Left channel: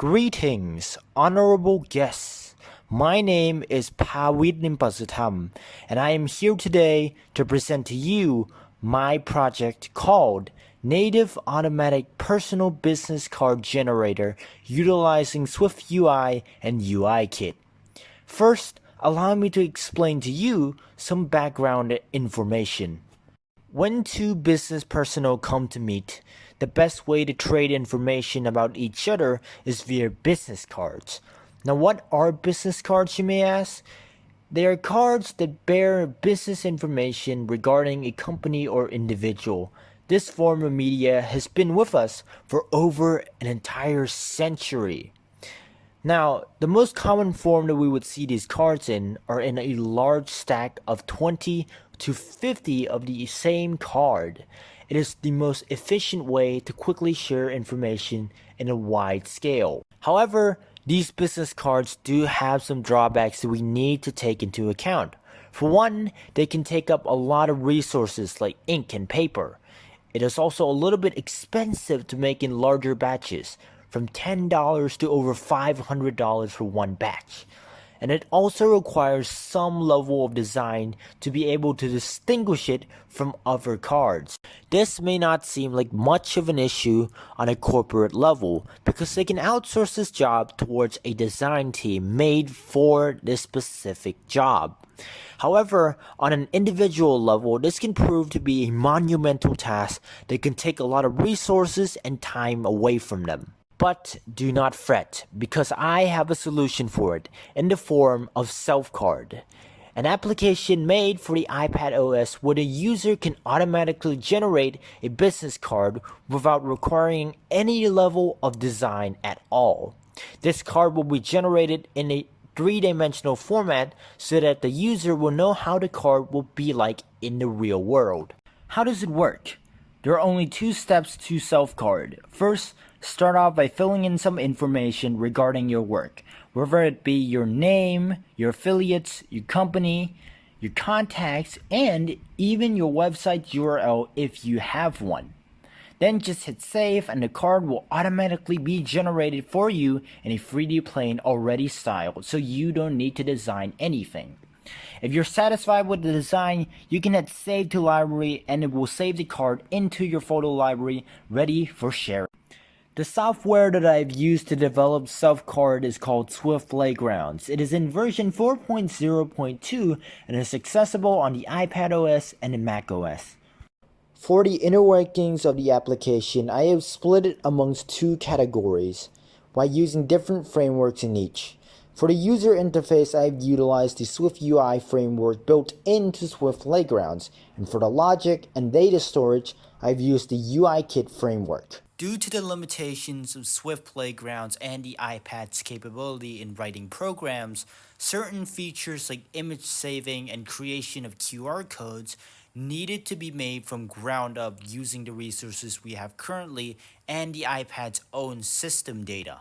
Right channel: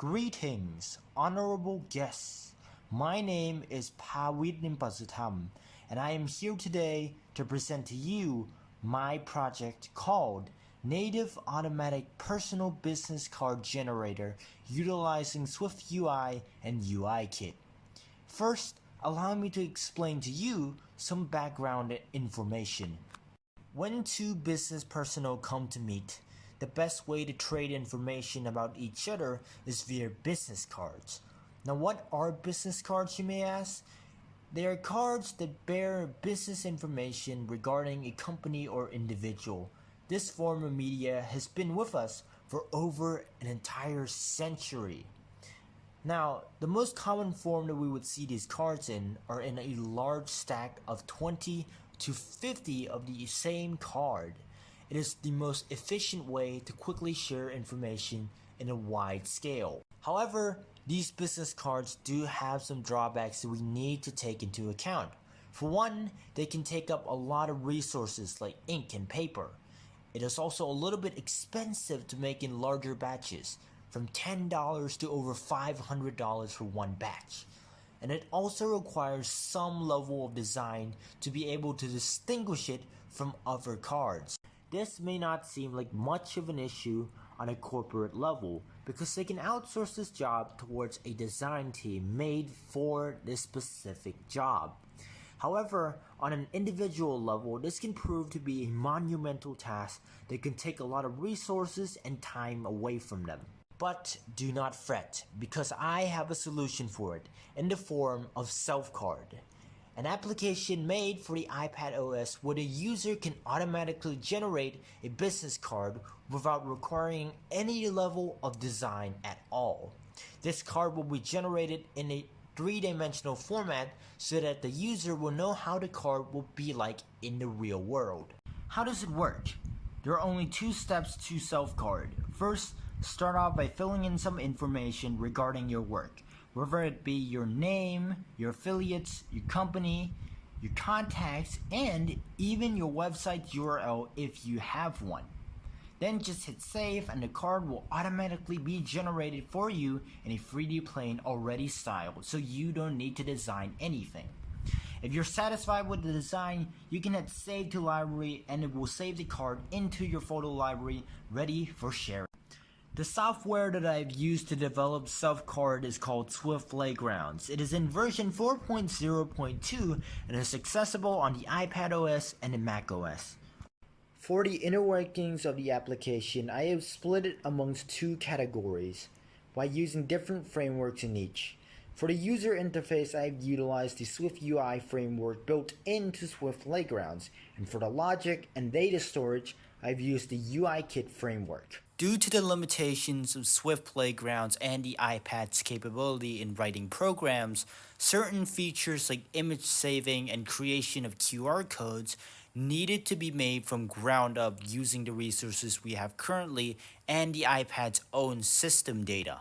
Greetings, honorable guests. My name is Pawit Nimpasutam, and I am here today to present to you my project called Native Automatic Personal Business Card Generator utilizing Swift UI and UI Kit. First, allow me to explain to you some background information. When two business personnel come to meet, the best way to trade information about each other is via business cards. Now, what are business cards, you may ask? They are cards that bear business information regarding a company or individual. This form of media has been with us for over an entire century. Now, the most common form that we would see these cards in are in a large stack of 20 to 50 of the same card. It is the most efficient way to quickly share information in a wide scale. However, these business cards do have some drawbacks that we need to take into account. For one, they can take up a lot of resources like ink and paper. It is also a little bit expensive to make in larger batches, from $10 to over $500 for one batch. And it also requires some level of design to be able to distinguish it from other cards. This may not seem like much of an issue on a corporate level because they can outsource this job towards a design team made for this specific job. However, on an individual level, this can prove to be a monumental task that can take a lot of resources and time away from them. But do not fret, because I have a solution for it in the form of SelfCard, an application made for the iPad OS where the user can automatically generate a business card without requiring any level of design at all. This card will be generated in a three-dimensional format so that the user will know how the card will be like in the real world. How does it work? There are only two steps to SelfCard. First, start off by filling in some information regarding your work, whether it be your name, your affiliates, your company, your contacts, and even your website URL if you have one. Then just hit save and the card will automatically be generated for you in a 3D plane already styled, so you don't need to design anything. If you're satisfied with the design, you can hit save to library and it will save the card into your photo library ready for sharing. The software that I've used to develop SelfCard is called Swift Playgrounds. It is in version 4.0.2 and is accessible on the iPad OS and the Mac OS. For the inner workings of the application, I have split it amongst two categories by using different frameworks in each. For the user interface, I've utilized the Swift UI framework built into Swift Playgrounds, and for the logic and data storage, I've used the UI Kit framework. Due to the limitations of Swift Playgrounds and the iPad's capability in writing programs, certain features like image saving and creation of QR codes needed to be made from ground up using the resources we have currently and the iPad's own system data.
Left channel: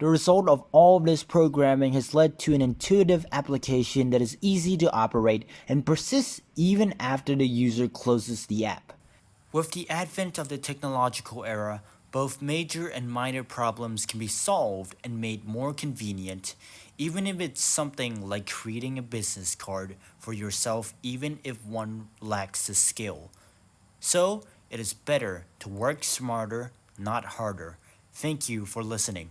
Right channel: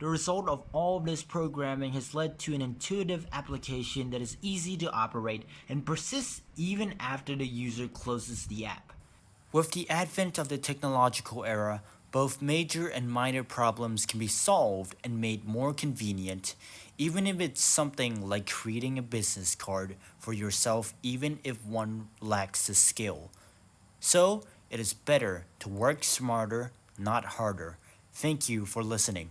The result of all of this programming has led to an intuitive application that is easy to operate and persists even after the user closes the app. With the advent of the technological era, both major and minor problems can be solved and made more convenient, even if it's something like creating a business card for yourself even if one lacks the skill. So, it is better to work smarter, not harder. Thank you for listening.